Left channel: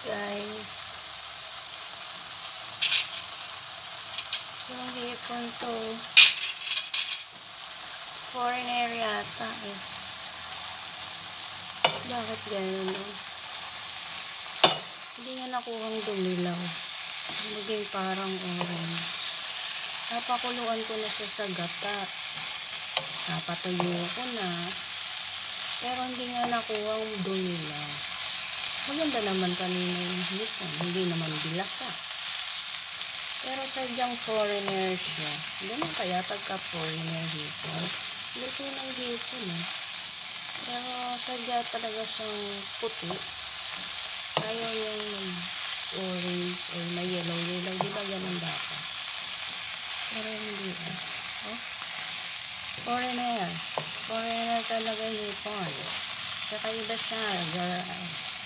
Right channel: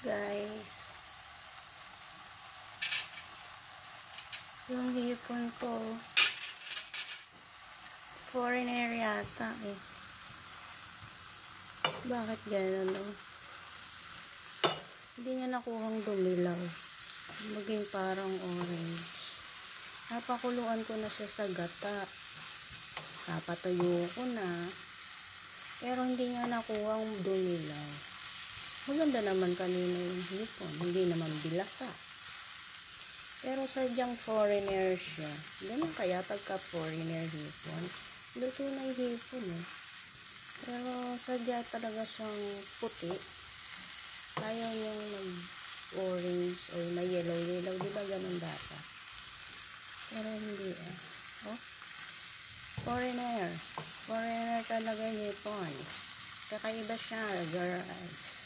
Guys, yung hipon to foreigner yata eh. Bakit ganyan eh? Hindi niya nakuhang dumilaw, maging parang orange. Napakuluan ko na siya sa gata, napatuyo ko na, pero hindi nga nakuhang dumilaw. Maganda naman kanina yung hipon, hindi naman bilasa. Pero sadyang foreigner siya. Ganun kaya pagka foreigner hipon, luto ng hipon eh. Pero sadya talaga siyang puti. Ayaw yung mag-orange or may yellow. Diba ganun dapat? Pero hindi ah. Oh? Foreigner. Foreigner talaga hipon. Kakaiba siya, guys.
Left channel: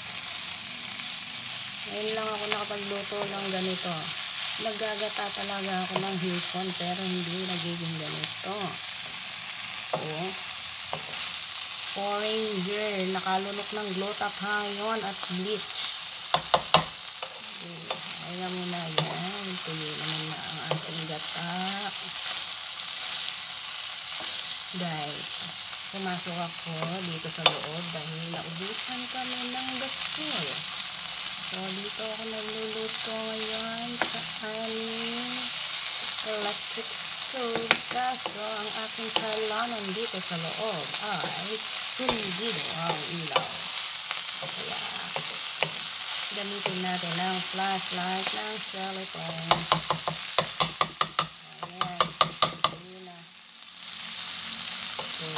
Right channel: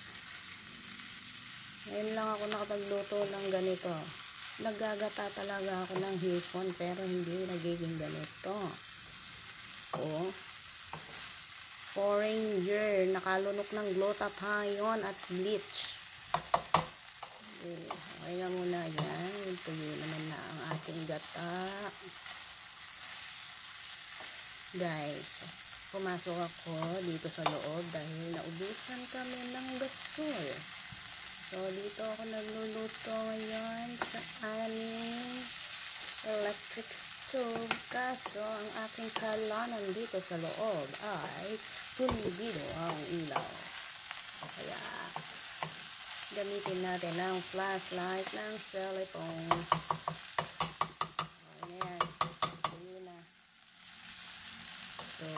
Ngayon lang ako nakapagluto ng ganito. Naggagata talaga ako ng hipon pero hindi nagiging ganito. Oh. Foreigner, nakalunok ng glutathione at bleach. Ayan mo na yan. Tuloy naman na ang ating gata. Guys, pumasok ako dito sa loob dahil naubusan kami ng basil. So, dito ako nagluluto ngayon sa aming electric stove. Kaso, ang aking kalanan dito sa loob ay hindi ang ilaw. Kaya, gamitin natin ang flashlight ng cellphone. Ayan. Ayan na. So,